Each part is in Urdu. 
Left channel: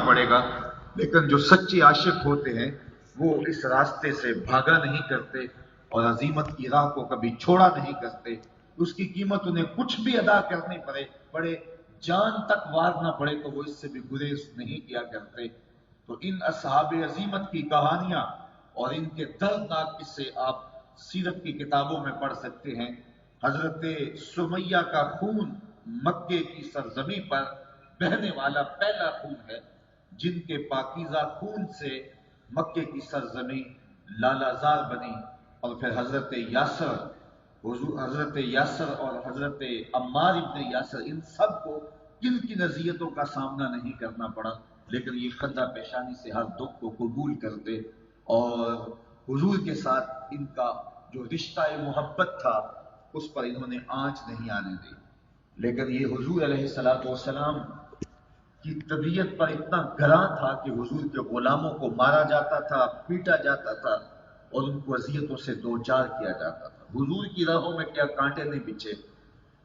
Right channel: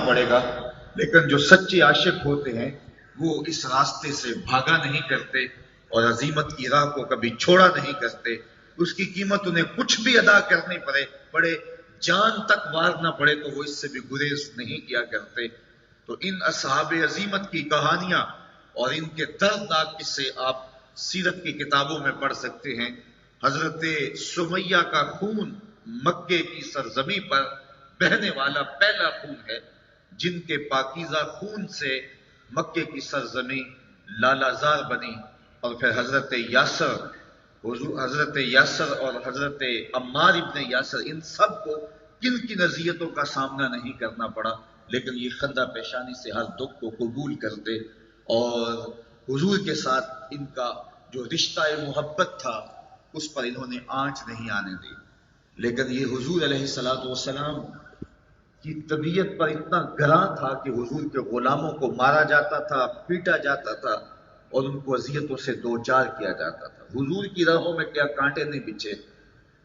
پڑے گا، لیکن جو سچے عاشق ہوتے ہیں وہ اس راستے سے بھاگا نہیں کرتے اور عزیمت کی راہ کو کبھی چھوڑا نہیں کرتے. اس کی قیمت انہیں کچھ بھی ادا کرنی پڑے جان تک وار نہ پڑے تو وہ اس سے بھی گریز نہیں کیا کرتے. تو ان اصحاب عزیمت کی کہانیاں اور ان کے دردناک قصے آپ سیرت کی کتابوں میں پڑھ سکتے ہیں. حضرت سمیہ کا خون مکے کی سرزمین پر بہنے والا پہلا خون ہے، جن کے پاکیزہ خون سے مکے کی سرزمین لالازار بنی. اور پھر حضرت یاسر اور حضرت عمار ابن یاسر، ان سب کو کن کن اذیتوں کا سامنا نہیں کرنا پڑا، لیکن یہ خندہ پیشانی سے ہر دکھ کو قبول کرتے اور حضور کے ساتھ ان کا جو رشتہ محبت تھا اس پر انہوں نے آنچ نہیں آنے دی. لیکن یہ حضور علیہ الصلوۃ والسلام کی طبیعت پر اتنا گراں تھا کہ حضور کے غلاموں کو مارا جاتا تھا، پیٹا جاتا تھا اور ان کو اذیتوں سے دوچار کیا جاتا تھا. حضور کی راہوں میں کیا کانٹے نہیں بچھے،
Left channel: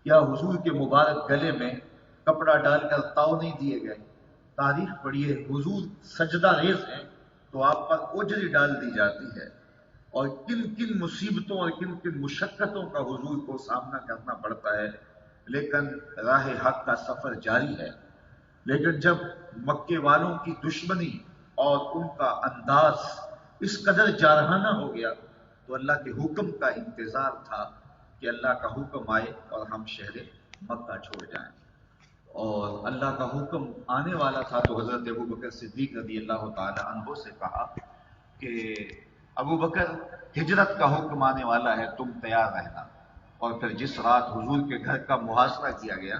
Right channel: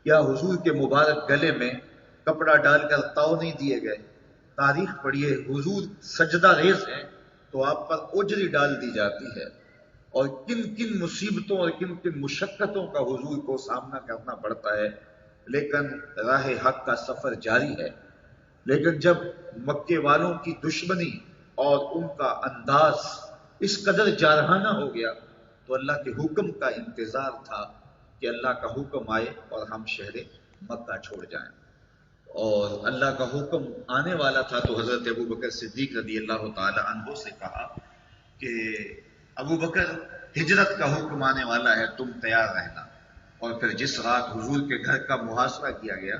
کیا حضور کے مبارک گلے میں کپڑا ڈال کر تاؤ نہیں دیے گئے. تاریخ پڑھیے، حضور سجدہ ریز ہیں تو آپ پر اوجری ڈال دی جاتی ہے، اور کن کن مصیبتوں اور کن کن مشقتوں کا حضور کو سامنا کرنا پڑتا ہے، لیکن راہ حق کا سفر جاری ہے. لیکن جب مکے والوں کی دشمنی اور ان کا انداز اس قدر جارحانہ ہو گیا تو اللہ کے حکم کا انتظار تھا کہ اللہ کا حکم آئے اور ہم شہر مکہ چھوڑ جائیں. اور اللہ کا حکم آنے والا تھا تو حضرت ابو بکر صدیق رضی اللہ تعالی عنہ سے کہا کہ ابو بکر، ہجرت کا حکم آنے والا ہے، تم تیار رہنا. اور پھر جس رات حضور کے گھر کا محاصرہ کیا گیا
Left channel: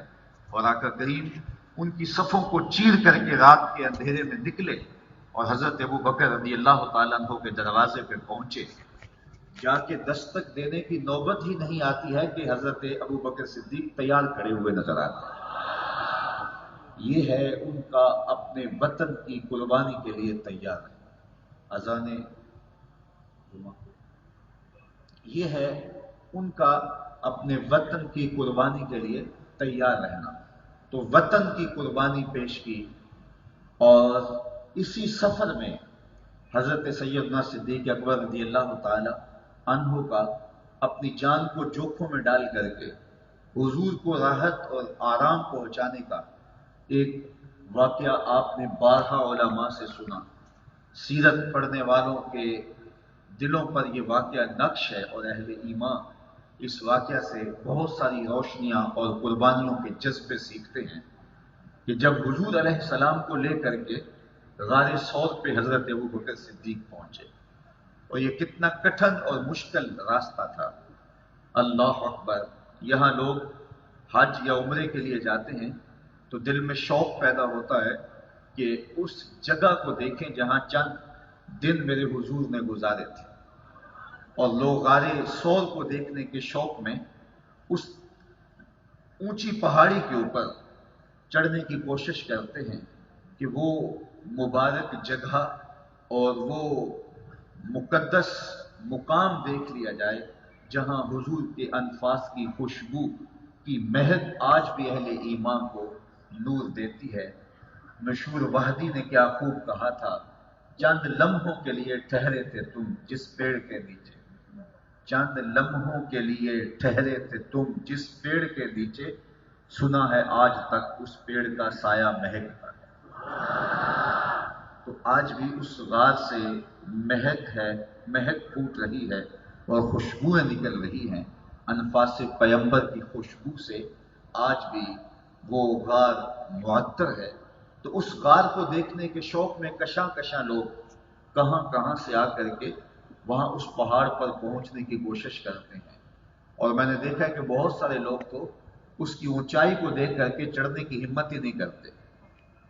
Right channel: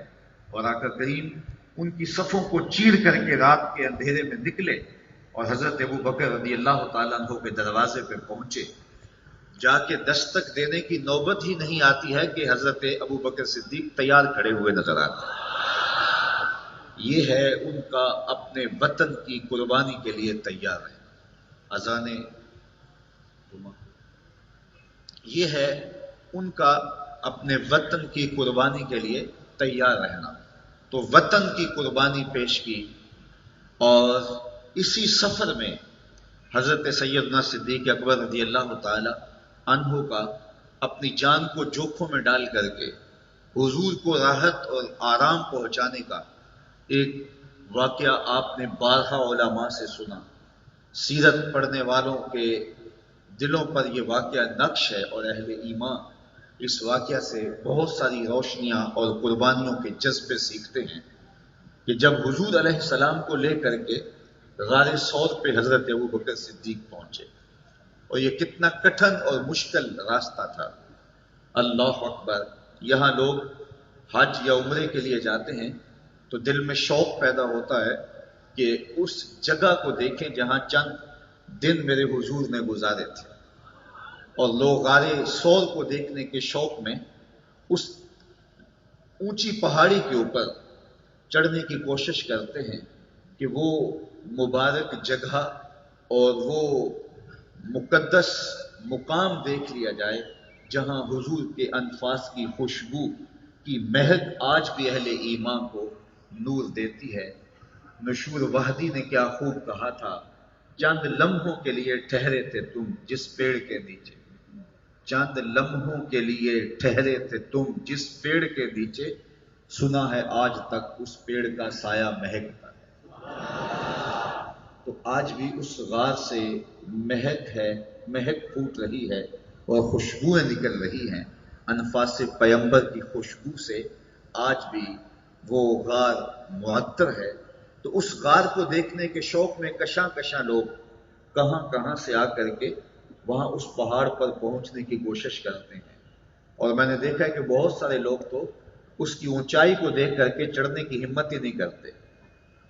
اور آقا کریم ان کی صفوں کو چیر کر کے رات کے اندھیرے میں نکلے اور حضرت ابو بکر رضی اللہ تعالیٰ عنہ کے دروازے پہ پہنچے، جا کے دستک دینے کی نوبت ہی نہیں آتی ہے کہ حضرت ابو بکر صدیق تیار کھڑے ہوئے نظر آتے ہیں. یہ ہے ان کا اپنے وطن کی قربانی کے لیے تیار ہے. اذان یہ ہے ان کا اپنے وطن کی قربانی کے لیے تیار رہنا. تو وطن کی قربانی پیش کی، اور اسی سفر میں حضرت سیدنا صدیق اکبر رضی اللہ تعالی عنہ کا اپنی جان کو جوکھوں میں ڈال کر کے حضور کو راحت اور آرام پہنچانے کا ایک واقعہ آپ نے بارہا علماء سے سنا. سیرت پڑھنے والوں کے دلوں پر یہ واقعہ نقش ہے اور اہل ایمان اس واقعہ سے بہت ساری روشنیاں اور قربانیوں کے جذبے سیکھتے ہیں کہ جب حضور علیہ السلام کو لے کر کے غار ثور پہ حضرت ابو بکر صدیق پہنچے، اور یہ کتنا کٹھن اور مشکل راستہ تھا. اللہ اکبر. یہاں لوگ حج یا عمرے کے لیے جاتے ہیں تو دل میں شوق پیدا ہوتا ہے کہ اس جگہ کو دیکھیں جہاں چند دن میرے حضور نے گزارے تھے، اور لوگ غار ثور کو دیکھنے کے شوق میں اس اونچی پہاڑی کے اوپر چڑھنے کی کوشش کرتے ہیں کہ وہ مبارک جگہ اور وہ مقدس مقام دیکھ لیا جائے جہاں حضور کے انفاس کی خوشبو کی مہک آج بھی اہل ایمان کو نور دیتی ہے. نشور وحدی نے کیا خوب کہا تھا، چند لمحوں کے لیے ٹھہرے تھے تم جس پیڑ کے نیچے، چند لمحوں کے لیے ٹھہرے تھے تم جس پیڑ کے نیچے، سنا ہے آج تک اس پیڑ کا سایہ مہکتا ہے. تو آج بھی اس غار سے مہک پھوٹ رہی ہے اور خوشبوئیں نکل رہی ہیں. انفاس پیمبر کی خوشبو سے آج بھی وہ غار معطر ہے. تو اس غار کو دیکھنے کے شوق میں کشاں کشاں لوگ کہاں کہاں سے آ کر کے وہاں اس پہاڑ پر پہنچنے کی کوشش کرتے ہیں. اور میں نے دیکھا ہے کہ بہت سارے لوگ تو اس کی اونچائی کو دیکھ کر کے چڑھنے کی ہمت ہی نہیں کرتے،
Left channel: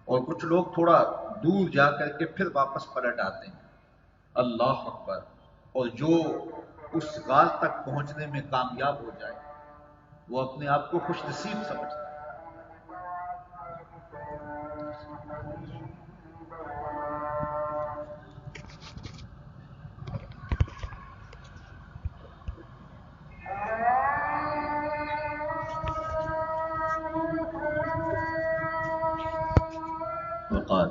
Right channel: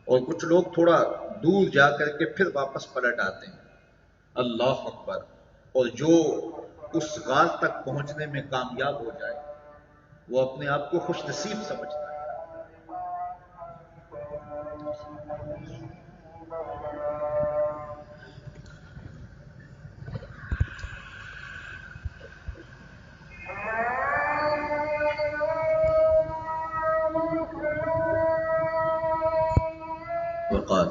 اور کچھ لوگ تھوڑا دور جا کر کے پھر واپس پلٹ آتے ہیں. اللہ اکبر. اور جو اس غار تک پہنچنے میں کامیاب ہو جائے وہ اپنے آپ کو خوش نصیب سمجھتا ہے. وقال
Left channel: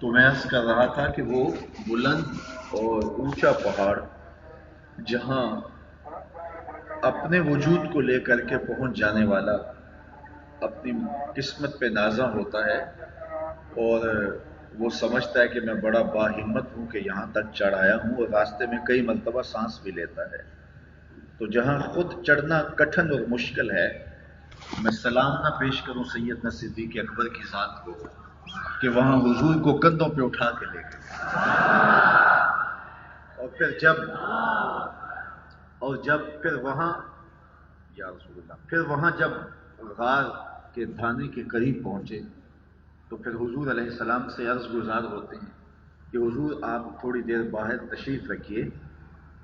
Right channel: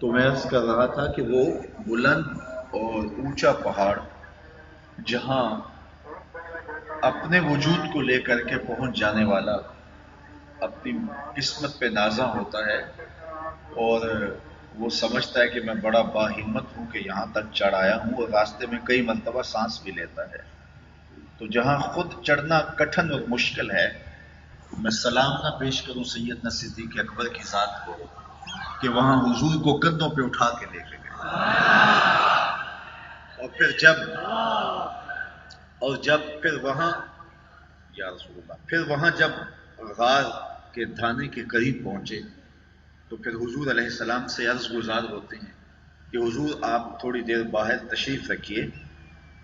تو میں عرض کر رہا تھا کہ وہ بلند اور اونچا پہاڑ جہاں اپنے وجود کو لے کر کے پہنچ جانے والا اپنی قسمت پہ نازاں ہوتا ہے اور وہ سمجھتا ہے کہ میں بڑا باہمت ہوں کہ یہاں تک چڑھ آیا ہوں، اور راستے میں کئی مرتبہ سانس بھی لیتا ہے، تو جہاں خود چڑھنا کٹھن اور مشکل ہے، میں سلام نہ پیش کروں سیدنا صدیق اکبر کی ذات کو کہ وہاں حضور کو کندھوں پہ اٹھا کے لے کے گئے، اور پھر وہاں یا رسول اللہ، پھر وہاں جب غار کے دھانے کے قریب پہنچے تو پھر حضور علیہ السلام سے عرض گزار ہوتے ہیں کہ حضور آپ تھوڑی دیر باہر تشریف رکھیے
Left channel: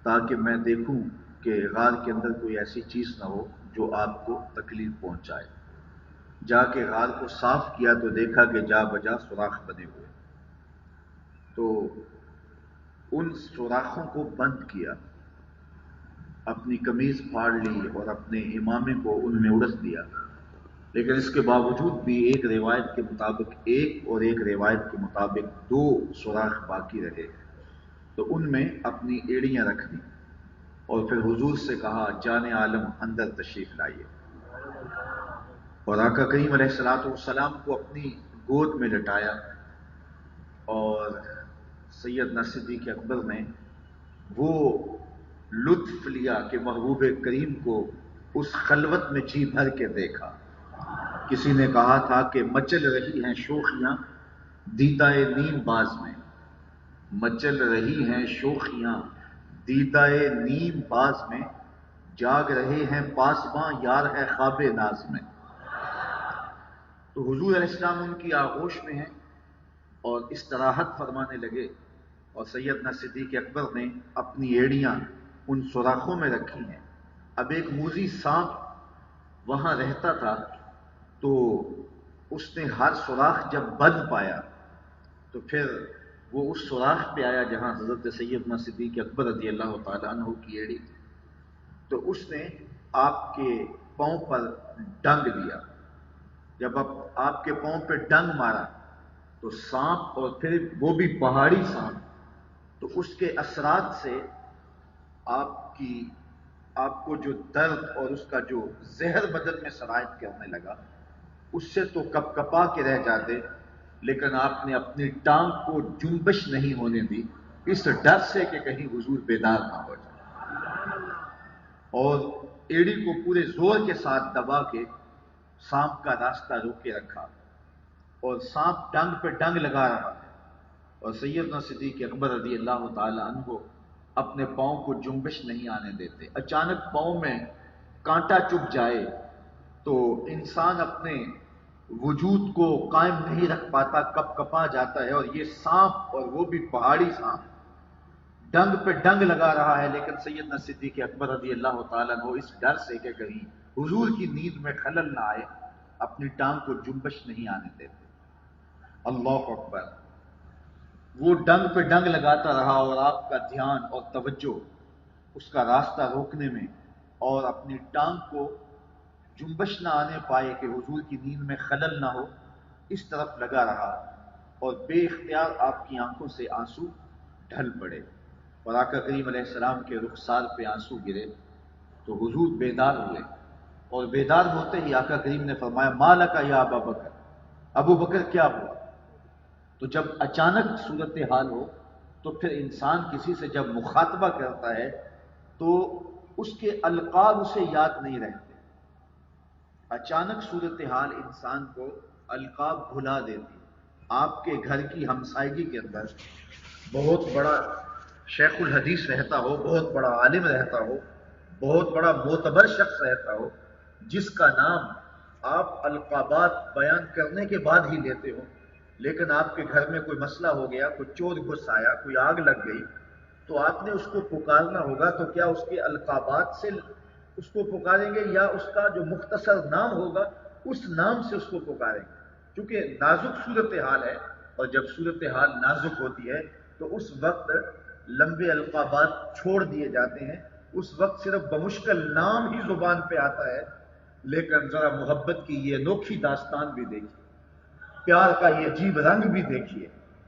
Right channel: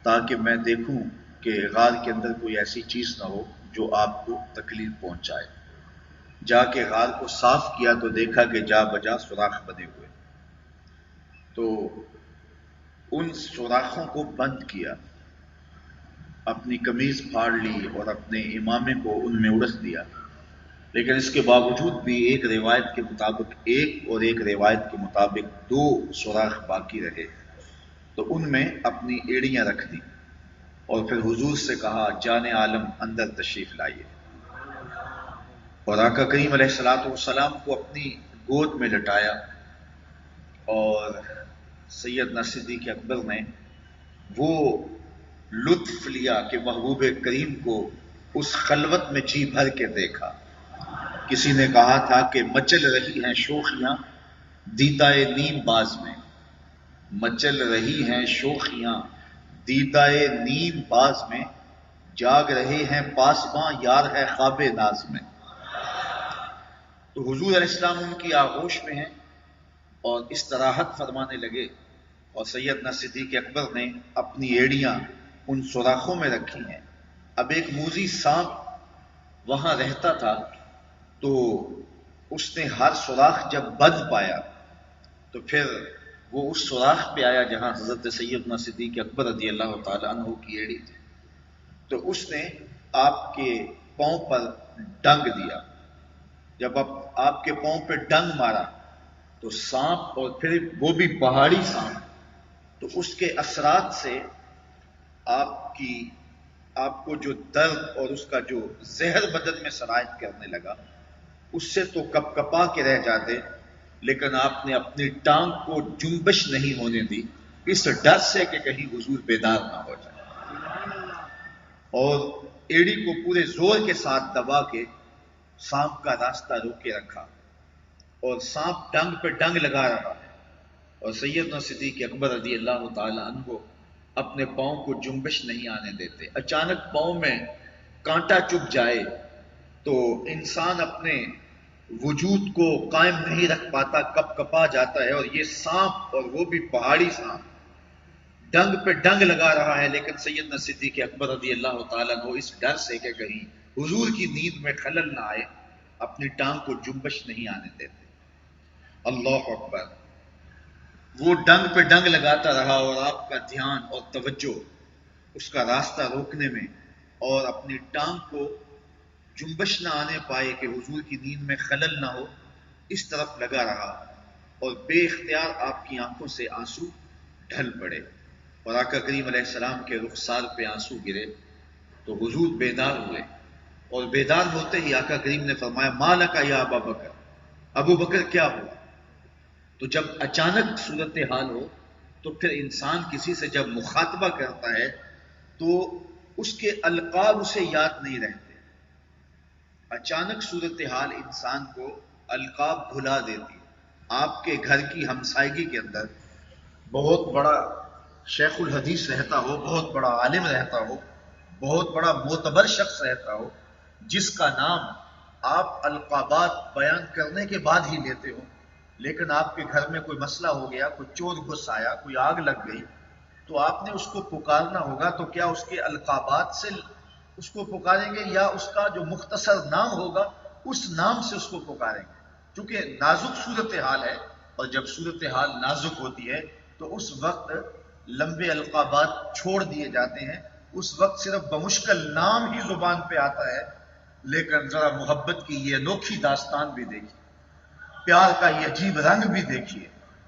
تاکہ میں دیکھوں کہ غار کے اندر کوئی ایسی چیز نہ ہو جو آپ کو تکلیف پہنچائے۔ جا کے غار کو صاف کیا تو دیکھا کہ جا بجا سوراخ بنے ہوئے، تو ان سوراخوں کو بند کیا، اپنی قمیض پھاڑ لی اور اپنے امامے کو ان میں اڑس دیا، لیکن اس کے باوجود بھی ایک روایت کے مطابق ایک روایت کے مطابق 2 سوراخ باقی رہے، تو ان میں اپنی ایڑیاں رکھ دی اور پھر حضور سے کہا جان عالم اندر تشریف لائیے، اور آقا کریم علیہ الصلوۃ والسلام کو اپنی گود میں لٹایا، اور سیدنا صدیق اکبر نے وہ لطف لیا کہ محبوب کریم کو اس خلوت میں جی بھر کے دیکھا۔ کسی نے کہا تھا کہ مچل رہی ہیں شوخیاں دیدائے نیم باز میں، مچل رہی ہیں شوخیاں دیدائے نیم باز میں، جاگ رہے ہیں پاسباں یار ہے خواب ناز میں۔ تو حضور علیہ السلام ان کی آغوش میں ہیں اور استراحت فرمانے لگے، اور سیدنا صدیق اکبر نے اپنی ایڑیاں ان سوراخوں میں رکھی ہیں۔ اب ایک موذی سانپ وہاں رہتا تھا، تو اس نے ہر سوراخ جب بند پایا تو پھر وہ اس سوراخ پہ آیا جہاں حضرت سیدنا صدیق اکبر رضی اللہ تعالیٰ عنہ کی ایڑی تھی، تو اس نے آپ کے پاؤں پر ڈنگ دیا۔ جب آپ کے پاؤں پہ ڈنگ مارا تو سانپ، اور پھر وہ بھی پہاڑی سانپ، تو اس کے اثرات سے آپ کو جو درد اور اس کا جو زہر بدن میں سرایت کرنے لگا، اس سے تو کپ کپا کے رہ جاتے، لیکن آپ نے اپنی ٹانگ کو جنبش نہیں ہونے دی، اس ڈر سے کہ کہیں حضور بیدار نہ ہو جائے، اور ایڑی کو پورے زور کے ساتھ دبا کے سانپ کا راستہ روکے رکھا، اور سانپ ڈنگ پہ ڈنگ لگا رہا ہے، اور سیدنا صدیق اکبر رضی اللہ تعالی عنہ اپنے پاؤں کو جنبش نہیں آنے دیتے۔ اچانک پاؤں میں کانٹا چبھ جائے تو انسان اپنے وجود کو قائم نہیں رکھ پاتا، کپ کپا جاتا ہے، اور یہ سانپ، اور وہ بھی پہاڑی سانپ، ڈنگ پہ ڈنگ لگا رہا ہے، لیکن سیدنا صدیق اکبر رضی اللہ تعالیٰ عنہ اس ڈر سے کہ کہیں حضور کی نیند میں خلل نہ آئے، اپنی ٹانگ کو جنبش نہیں آنے دیتے۔ اللہ اکبر! وہ ڈنگ پہ ڈنگ لگاتا رہا، اور آپ کا دھیان اور توجہ اس کا راستہ روکنے میں اور اپنی ٹانگ کو جنبش نہ آنے پائے کہ حضور کی نیند میں خلل نہ ہو، اس طرف لگا رہا، اور بے اختیار آپ کی آنکھوں سے آنسو ڈھل پڑے، اور آقا کریم علیہ السلام کے رخسار پہ آنسو گرے تو حضور بیدار ہوئے، اور بیدار ہوتے ہی آقا کریم نے فرمایا مالک یا ابا بکر، ابو بکر کیا ہوا؟ تو جب اچانک صورتحال ہو تو پھر انسان کسی سے جب مخاطبہ کرتا ہے تو اس کے القاب اسے یاد نہیں رہتے، اچانک صورتحال انسان کو القاب بھلا دیتی۔ آپ کے گھر کی ہمسائیگی کے اندر بہت بڑا شیخ الحدیث رہتا ہو، بہت بڑا عالم رہتا ہو، بہت بڑا معتبر شخص رہتا ہو، جس کا نام آپ القابات بیان کرنے کے بعد ہی لیتے ہو، لیکن آپ کے گھر میں کوئی مسئلہ ہو گیا، کوئی چور گھس آیا، کوئی آگ لگ گئی، تو آپ نے اس کو پکارنا ہوگا، تو کیا اس کے القابات سے اس کو پکاریں گے یا اس کا جو مختصر نام ہوگا اس نام سے اس کو پکاریں گے؟ چونکہ نازک صورتحال ہے، اور جب صورتحال نازک ہوتی ہے تو اس وقت لمبے القابات چھوڑ دیے جاتے ہیں، اس وقت صرف بمشکل نام ہی زبان پہ آتا ہے، لیکن ذرا محبت کی یہ انوکھی داستان بھی دیکھیے، پیار کا یہ عجیب رنگ بھی دیکھیے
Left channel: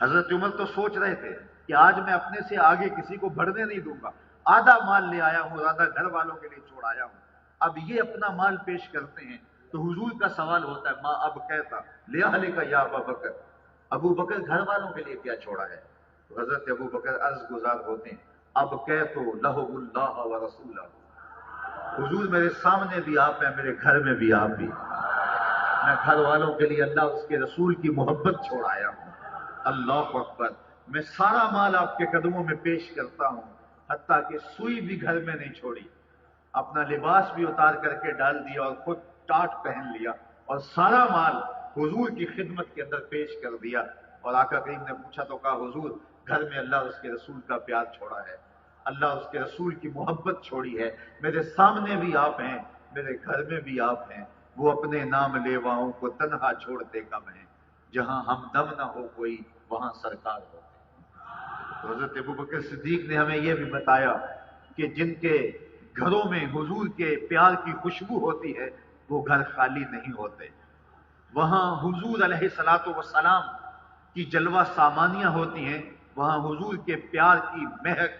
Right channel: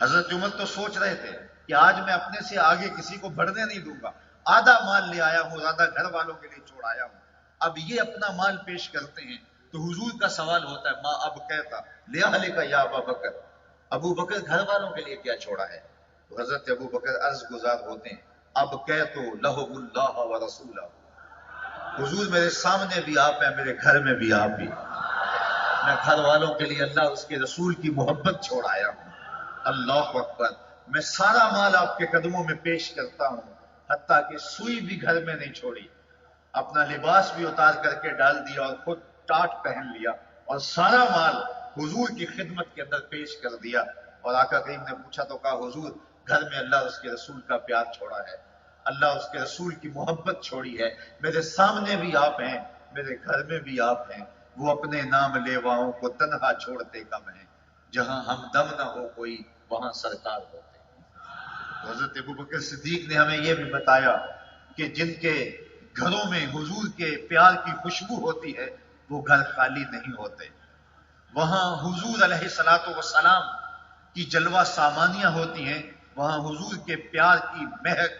حضرت عمر تو سوچ رہے تھے کہ آج میں اپنے سے آگے کسی کو بڑھنے نہیں دوں گا، آدھا مال لے آیا ہوں، آدھا گھر والوں کے لیے چھوڑ آیا ہوں، اب یہ اپنا مال پیش کرتے ہیں تو حضور کا سوال ہوتا ہے، ماں اب کہتا لیا علی کا یا ابا بکر، ابو بکر گھر والوں کے لیے کیا چھوڑا ہے؟ تو حضرت ابو بکر عرض گزار ہوتے ہیں، اب کہ تو لہو اللہ و رسولہ، حضور میرے سامنے بھی آپ ہیں، میرے گھر میں بھی آپ ہی، میں گھر والوں کے لیے اللہ اس کے رسول کی محبت چھوڑ آیا ہوں۔ اللہ اکبر، میں سارا مال آپ کے قدموں میں پیش کرتا ہوں، حتیٰ کہ سوئی بھی گھر میں نہیں چھوڑی، اپنا لباس بھی اتار کر کے ڈال دیا اور خود ٹاٹ پہن لیا اور سارا مال حضور کی خدمت کے اندر پیش کر دیا۔ اور آقا کریم نے پوچھا تو کہا حضور گھر میں اللہ اس کے رسول کا پیار چھوڑا ہے، اللہ اس کے رسول کی محبت چھوڑی ہے، میرے سامنے بھی آپ ہیں، میرے گھر میں بھی آپ ہیں، وہ اپنے نام لیواؤں کو تنہا چھوڑتے کم ہیں، جہاں ہمدم نہ ہو کوئی وہاں سرکار ہوتے ہیں۔ تو حضرت ابو بکر صدیق نے ہمیں یہ بھی بتایا کہ جن کے گھروں میں حضور کے پیار کی خوشبو ہوتی ہے وہ گھر خالی نہیں ہوتے، وہاں حضور علیہ الصلوۃ والسلام کی جلوہ سامانیاں ہوتی ہیں، وہاں حضور کے پیار کی مہک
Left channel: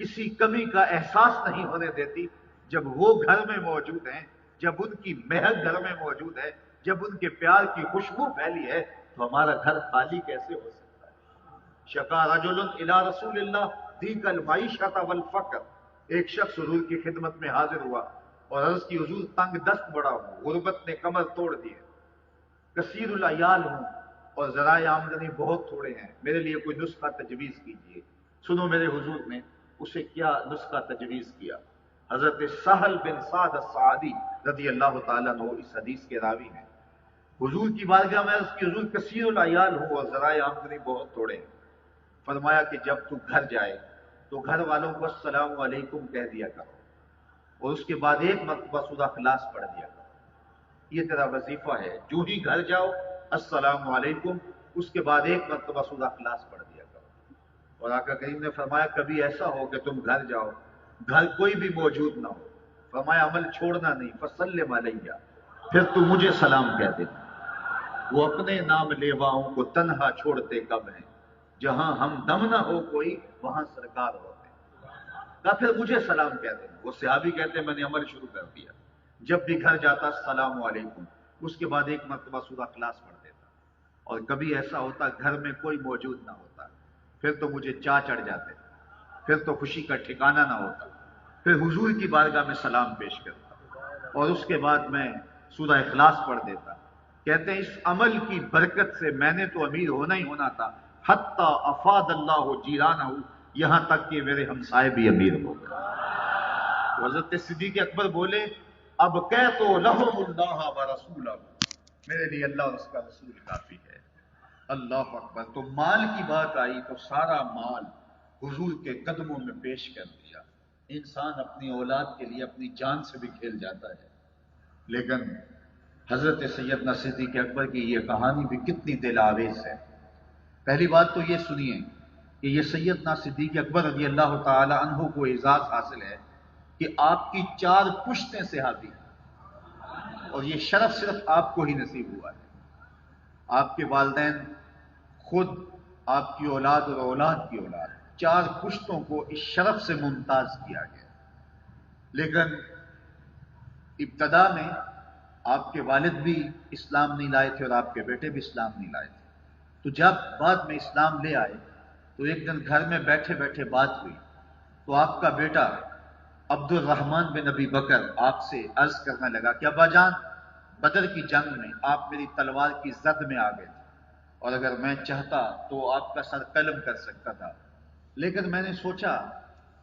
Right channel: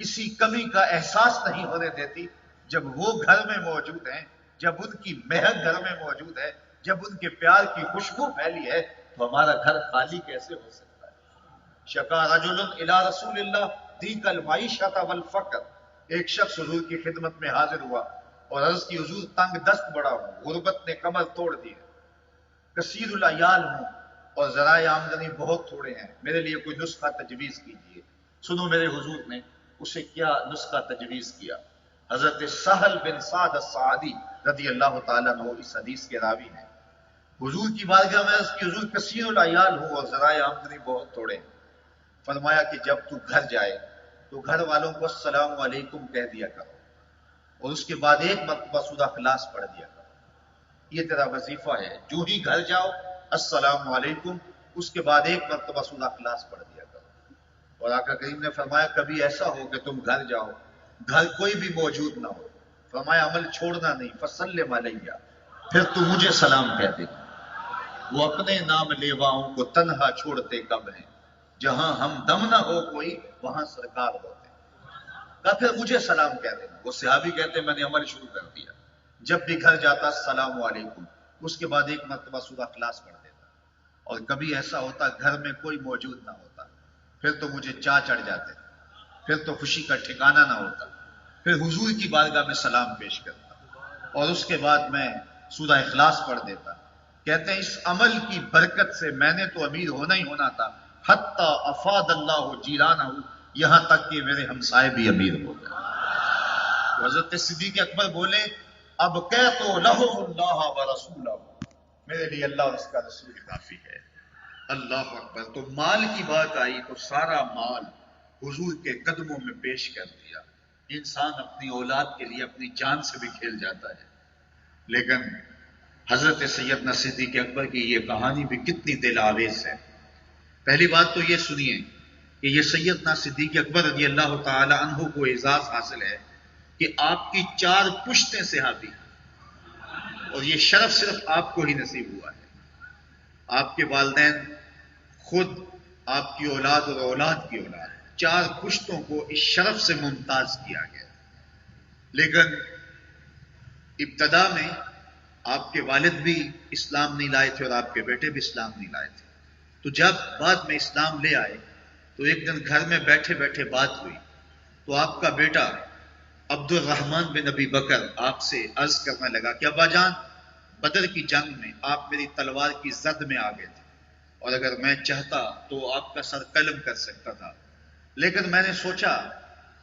کسی کمی کا احساس نہیں ہونے دیتی۔ جب وہ گھر میں موجود ہیں، جب ان کی مہک گھر میں موجود ہے، جب ان کے پیار کی خوشبو پھیلی ہے تو ہمارا گھر خالی کیسے ہو سکتا ہے؟ شکا رجل الی رسول اللہ دیک المعیشۃ والفقر، ایک شخص حضور کی خدمت میں حاضر ہوا اور عرض کی حضور تنگ دست بڑا ہوں، غربت نے کمر توڑ دی ہے، کثیر العیال ہوں اور ذرائع آمدنی بہت تھوڑے ہیں، میرے لیے کوئی نسخہ تجویز کیجیے۔ سنو میرے حضور نے اسے کیا نسخہ تجویز کیا۔ حضرت سہل بن سعد الساعدی رضی اللہ تعالیٰ عنہ اس حدیث کے راوی ہیں، حضور کی بارگاہ میں عرض کی حضور کثیر العیال ہوں اور ذرائع آمدنی بہت تھوڑے ہیں۔ فرمایا کہ جب تو گھر جائے تو گھر والوں کو السلام علیکم کہہ دیا کرو اور اس کے بعد ایک مرتبہ سورہ اخلاص پڑھ دیا کرو، یہ تیرا وظیفہ ہے، جو ہی گھر جاؤ السلام علیکم، اس کے بعد ایک مرتبہ سورہ اخلاص پڑھ دیا کرو۔ اور آقا کریم نے فرمایا کبھی ایسا ہو کہ تم گھر جاؤ، گھر کوئی بھی موجود نہ ہو، فرمایا عمل چھوڑنا نہیں، فسلم علیہ، پھر تو مجھے سلام کہہ دینا، وہ اپنے نام لیواؤں کو تنہا چھوڑتے کب ہیں، جہاں ہم دم نہ ہو کوئی وہاں سرکار ہوتے، کہا پھر مجھے سلام کہہ دینا۔ وہ صحابی کہتے ہیں میں نے عمل شروع کر دیا، جب بھی گھر جاتا السلام علیکم، اس کے بعد ایک مرتبہ سورہ اخلاص پڑھ دیتا، اور کبھی ایسا ہوتا گھر میں کوئی موجود نہ ہوتا، پھر تو مجھے چاہ چڑھ جاتے، پھر تو خوشی کا ٹھکانہ نہ ہوتا، پھر حضور کی بارگاہ میں سلام پیش کرتا اور اس کے بعد میں سورہ اخلاص پڑھ دیتا۔ کہتے ہیں اس عمل کی برکت سے میں نے تو امیر ہونا ہی ہونا تھا، حتی افاد اللہ جیرانہ، یہاں تک کہ میرے ہمسائے بھی امیر ہو گئے۔ حضرت صدیق اکبر بولے اب کہہ تو لہم اللہ و رسولہ، میرے لیے اللہ اور اس کا رسول کافی ہے۔ اللہ اکبر۔ تو مال کی بات آئی تو سارا مال حضور کے قدموں میں پیش کر دیا۔ انسان اپنی اولاد کے لیے اپنی جان سے بھی کھیل جاتا ہے، لیکن حضرت سیدنا صدیق اکبر کی یہ کہانی بھی کتنی دل آویز ہے۔ پہلی بات تو یہ سنیے کہ یہ سیدنا صدیق اکبر رضی اللہ تعالی عنہ کو اعزاز حاصل ہے کہ آپ کی 4 پشتیں صحابی ہیں، اور یہ شرف صرف آپ کو ہی نصیب ہوا ہے۔ آپ کے والدین، خود آپ کی اولاد اور اولاد کی اولاد، 4 پشتوں کو اس شرف سے ممتاز کیا گیا۔ لیکن ابتدا میں آپ کے والد بھی اسلام نہیں لائے تھے اور آپ کے بیٹے بھی اسلام نہیں لائے تھے، تو جب بعد میں اسلام لے آئے تو ایک دن گھر میں بیٹھے بیٹھے بات ہوئی تو آپ کا بیٹا عبد الرحمن بن ابی بکر آپ سے عرض کرنے لگا کہ ابا جان، بدر کی جنگ میں آپ میری تلوار کی زد میں آ گئے تھے اور اگر میں چاہتا تو آپ کا سر قلم کر سکتا تھا، لیکن میں نے سوچا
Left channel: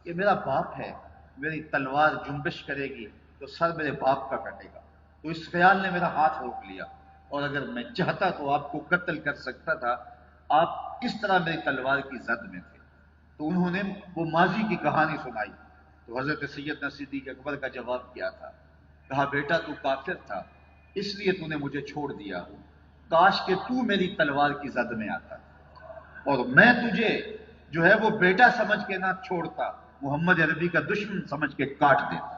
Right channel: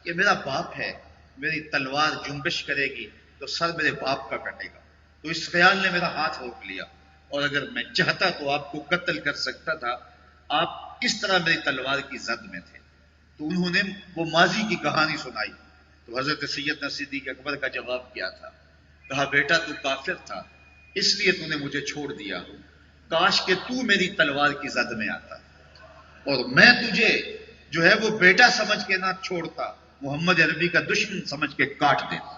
کہ میرا باپ ہے، میری تلوار جنبش کرے گی تو سر میرے باپ کا کٹے گا، تو اس خیال نے میرا ہاتھ روک لیا، اور اگر میں چاہتا تو آپ کو قتل کر سکتا تھا، آپ اس طرح میری تلوار کی زد میں تھے۔ تو انہوں نے وہ ماضی کی کہانی سنائی، تو حضرت سیدنا صدیق اکبر کا جواب کیا تھا؟ کہا بیٹا تو کافر تھا اس لیے تو نے مجھے چھوڑ دیا، کاش کہ تو میری تلوار کی زد میں آتا اور میں تجھے جو ہے وہ بیٹا سمجھ کے نہ چھوڑتا، محمد عربی کا دشمن سمجھ کے کاٹ دیتا۔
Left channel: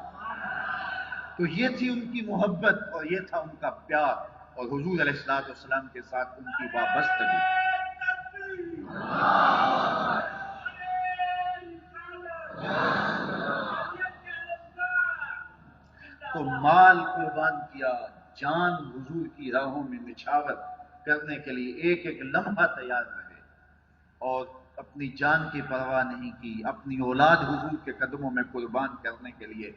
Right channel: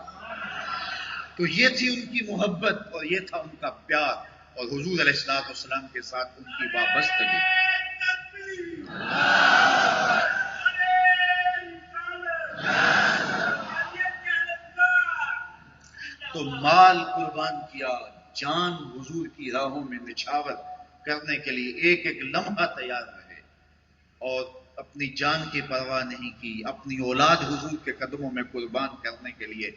تو یہ تھی ان کی محبت اور یہ تھا ان کا پیار اور حضور علیہ الصلوۃ والسلام کے ساتھ ان کی وابستگی۔ تو مال قربان کیا، جان حضور کی راہوں میں نچھاور کرنے کے لیے ایک ایک لمحہ تیار رہے، اور اپنی جان کی پرواہ نہیں کی، اپنی اولاد حضور کے قدموں میں قربان کرنے کے لیے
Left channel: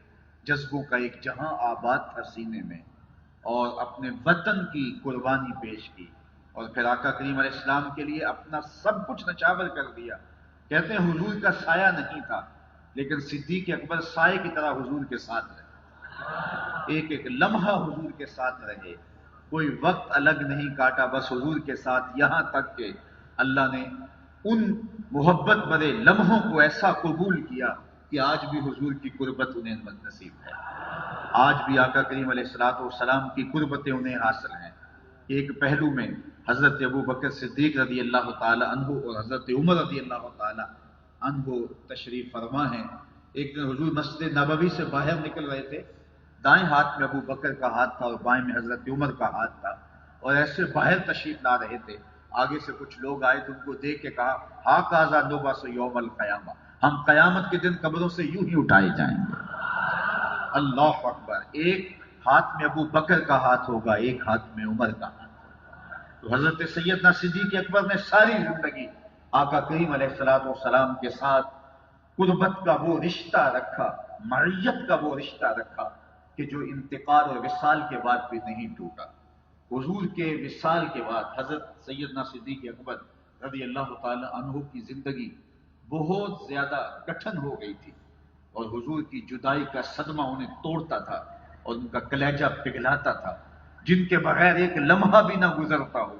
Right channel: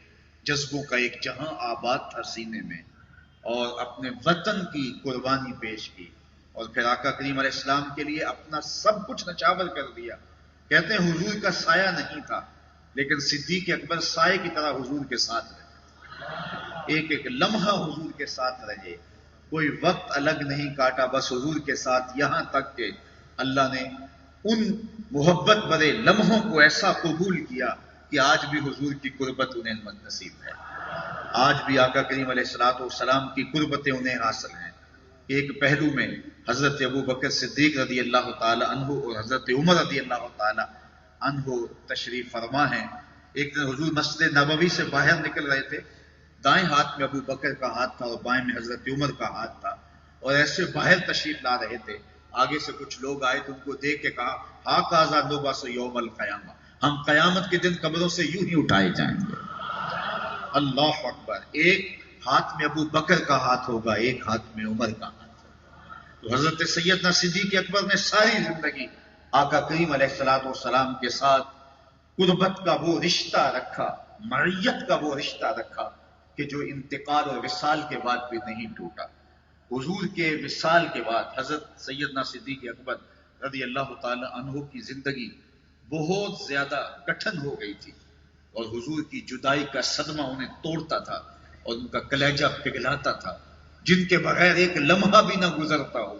جذبوں کا ایک جہاں آباد تھا سینے میں، اور اپنے وطن کی قربانی پیش کی، اور پھر آقا کریم علیہ السلام کے لیے اپنا سب کچھ نچھاور کر دیا۔ کہتے ہیں حضور کا سایہ نہیں تھا، لیکن صدیق اکبر سائے کی طرح حضور کے ساتھ رہے، ایک ایک لمحہ حضور کے ساتھ رہے، کوئی وقت الگ نہیں کاٹا، بس حضور کے ساتھ، یہاں تک کہ اللہ نے ان محبت بھرے لمحوں کو ایسا قبول کیا کہ آج بھی حضور کی قربت انہیں نصیب ہے، آج بھی آقا کریم علیہ السلام کی قربتیں انہیں حاصل ہیں۔ ایک پہلو میں حضرت ابو بکر صدیق رضی اللہ تعالی عنہ اور حضرت عمر رضی اللہ تعالی عنہ تشریف فرما ہیں۔ ایک دن حضور مسجد نبوی سے باہر نکل رہے تھے، دائیں ہاتھ میں ابو بکر کا ہاتھ تھا اور بائیں میں حضرت عمر کا ہاتھ تھا، اور ایسے باہر تشریف لا رہے تھے، آگے سے کچھ لوگ آئے تو ان کو دیکھ کے کہا ہاکذا نبعث یوم القیامہ، ہم قیامت کے دن قبروں سے یوں ہی اٹھائے جائیں گے۔ اللہ اکبر، ایک ہاتھ میں ابو بکر کا ہاتھ ہوگا، ایک ہاتھ میں عمر کا ہاتھ ہوگا۔ تو حضرت سیدنا صدیق اکبر نے ساری زندگی آقا کریم علیہ السلام کے ساتھ قربت کا وہ رشتہ رکھا، معیت کا وہ رشتہ رکھا کہ جو انتقال اور وصال کے بعد بھی نہیں ٹوٹا۔ حضور کے وصال کے بعد حضرت سیدنا صدیق اکبر رضی اللہ تعالی عنہ کی زندگی بہت زیادہ کٹھن ہو گئی تھی، اور حضور کی جدائی کا صدمہ انہیں توڑتا تھا اور ان کا کلیجہ پگھلاتا تھا، جن کے بغیر ایک لمحہ بھی نہ گزرتا ہو،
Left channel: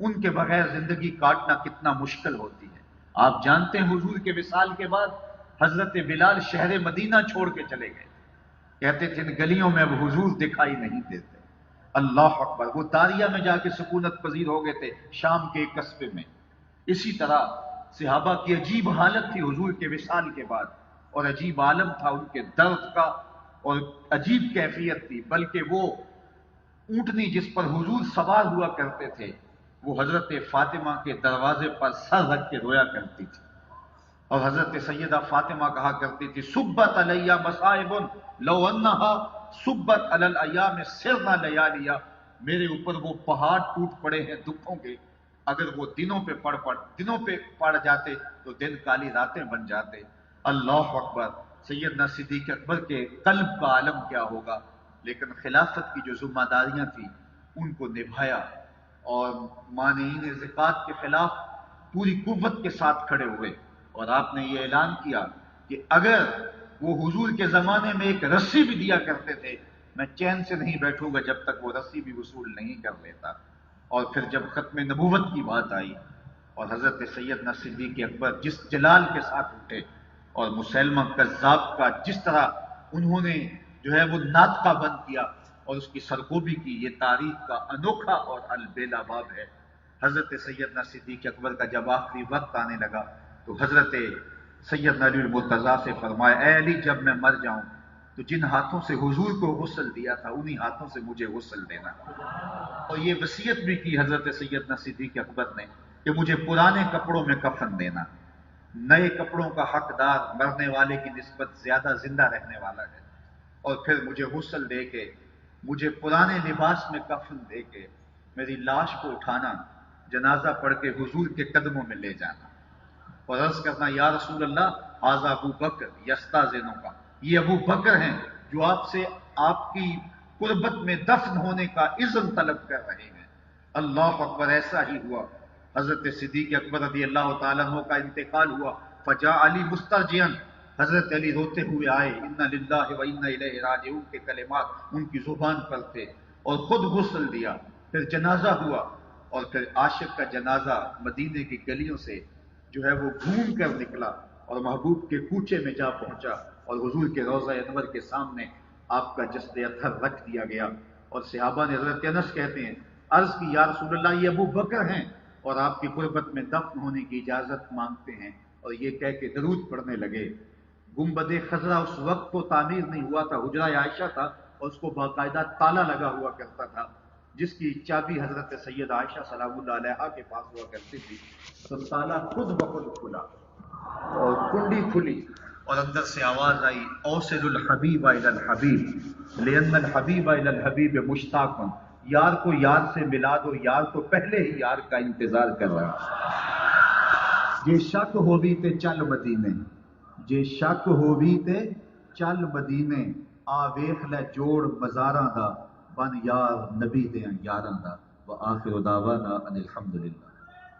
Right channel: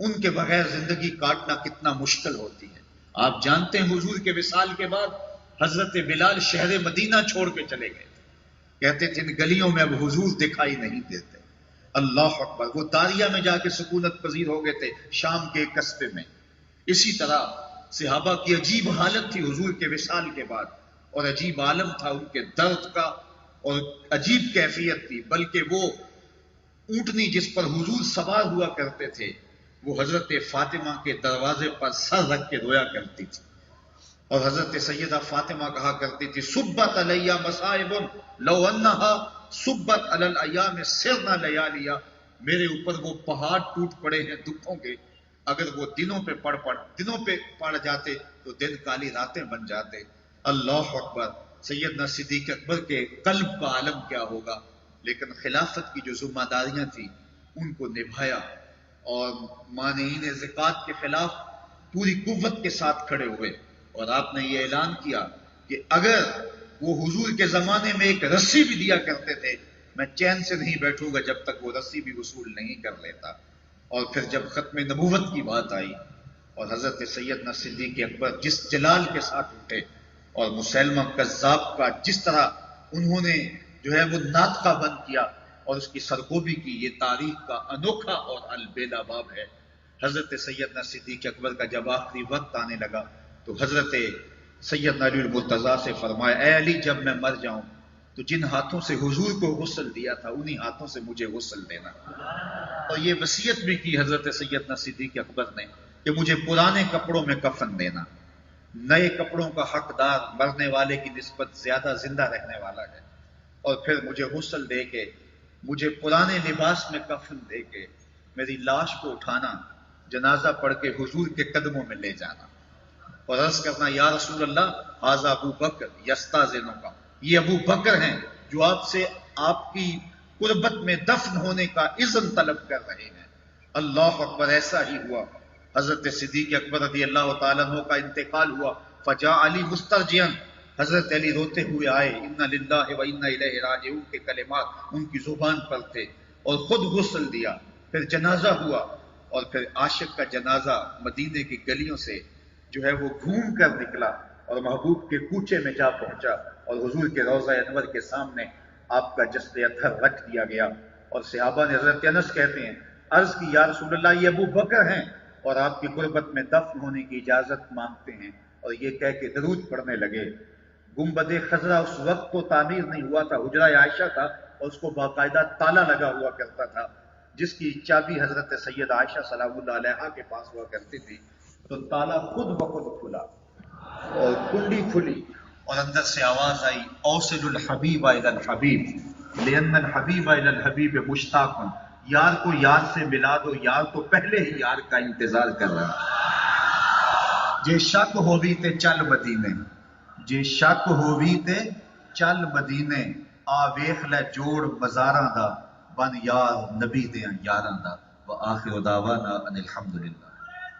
ان کے بغیر زندگی کاٹنا کتنا مشکل ہوتی ہے۔ آپ جانتے ہیں حضور کے وصال کے بعد حضرت بلال شہر مدینہ چھوڑ کے چلے گئے، کہتے تھے ان گلیوں میں اب حضور دکھائی نہیں دیتے۔ اللہ اکبر، وہ داریہ میں جا کے سکونت پذیر ہو گئے تھے، شام کے ایک قصبے میں۔ اسی طرح صحابہ کی عجیب حالت تھی حضور کے وصال کے بعد، اور عجیب عالم تھا ان کے درد کا، اور عجیب کیفیت تھی، بلکہ وہ اونٹنی جس پر حضور سوار ہوا کرتے تھے وہ حضرت فاطمہ کے دروازے پر سر رکھ کے رویا کرتی تھی، اور حضرت سیدہ فاطمہ کہا کرتی تھی سبت علیہ مصائب لو انہا سبت علی الایام سرنا لیالیا، میرے اوپر وہ پہاڑ ٹوٹ پڑے ہیں دکھوں کے، اگر وہ دنوں پہ پڑ جاتے تو دن کالی راتیں بن جاتے۔ اللہ اکبر، سیدنا صدیق اکبر کے قلب کا عالم کیا ہوگا، لیکن خلافت کی جو ذمہ داریاں تھیں ان کو نبھایا، اور مانعین زکوٰۃ کے خلاف پوری قوت کے ساتھ کھڑے ہوئے، اور آپ نے یہ اعلان کیا کہ اگر وہ حضور کے زمانے میں ایک رسی بھی دیا کرتے تھے میں چین سے نہیں بیٹھوں گا جب تک وہ رسی بھی وصول نہیں کر لیتا۔ اور پھر جب ختم نبوت کی بات آئی اور حضرت سیدنا صدیق اکبر جس جلال کے ساتھ اٹھے، اور مسیلمہ کذاب کا جس طرح انہوں نے جو ہے وہ ناطقہ بند کیا اور اس کی سرگوبی کی، یہ تاریخ کا انوکھا اور البیلا باب ہے۔ حضرت سیدنا صدیق اکبر کا جب آخری وقت آنے لگا تو حضرت سیدنا علی المرتضیٰ سے فرمایا اے علی، جب میں مر جاؤں تو جن ہاتھوں سے حضور کو غسل دیا تھا انہی ہاتھوں سے مجھے غسل دینا۔ اور یہ وصیت بھی کی حضرت سیدنا صدیق اکبر نے کہ مجھے پرانے کپڑوں میں کفن دینا، نئے کپڑوں کا حقدار مرنے والے کی نسبت زیادہ زندہ رہنے والا ہے، اور پھر مجھے غسل دے کے، مجھے پرانے لباس میں کفن دے کے میری لاش کو اٹھانا، جنازہ پڑھ کے حضور کے قدموں میں لے جانا، اور عرض کرنا یا رسول اللہ ھذا ابو بکر یستاذنک، یہ ابو بکر ہیں جو آپ سے آپ کی قربت میں دفن ہونے کا اذن طلب کر رہے ہیں۔ اللہ اکبر، ایسا ہی ہوا۔ حضرت صدیق اکبر رضی اللہ تعالیٰ عنہ کا انتقال ہوا، فجاء علی مسترجعا، حضرت علی روتے ہوئے آئے، انا للہ و انا الیہ راجعون کے کلمات ان کی زبان پر تھے، اور خود غسل دیا، پھر جنازہ ہوا، اور پھر عاشق کا جنازہ مدینے کی گلیوں سے جو ہے وہ گھوم کر نکلا اور محبوب کے کوچے میں جا پہنچا، اور حضور کے روضہ انور کے سامنے آپ کا جسد اطہر رکھ دیا گیا، اور صحابہ نے حضرت انس کہتے ہیں عرض کی یا رسول اللہ یہ ابو بکر ہیں اور آپ کی قربت میں دفن ہونے کی اجازت مانگتے ہیں، اور یہ کہہ کے درود پڑھنے لگے۔ گنبد خضرا اس وقت تو تعمیر نہیں ہوا تھا، حجرہ عائشہ تھا اور اس کو باقاعدہ تالا لگا ہوا کرتا تھا، جس کی چابی حضرت سید عائشہ سلام اللہ علیہا کے پاس ہوا کرتی تھی، تو تالا خود بخود کھلا اور کنڈی کھلی اور اندر سے آواز آئی اوصل الحبیب الی الحبیب، لأن الحبیب الی الحبیب مشتاق، یار کو یار سے ملا دو، یار تو پہلے ہی یار کا انتظار کر رہا ہے۔ جے شک ہووی تے چل مدینے، جے شک ہووی تے چل مدینے، آ ویخ لے جوڑ مزاراں دا، بن یار نبی دیاں یاراں دا۔ وآخر دعوانا ان الحمدللہ۔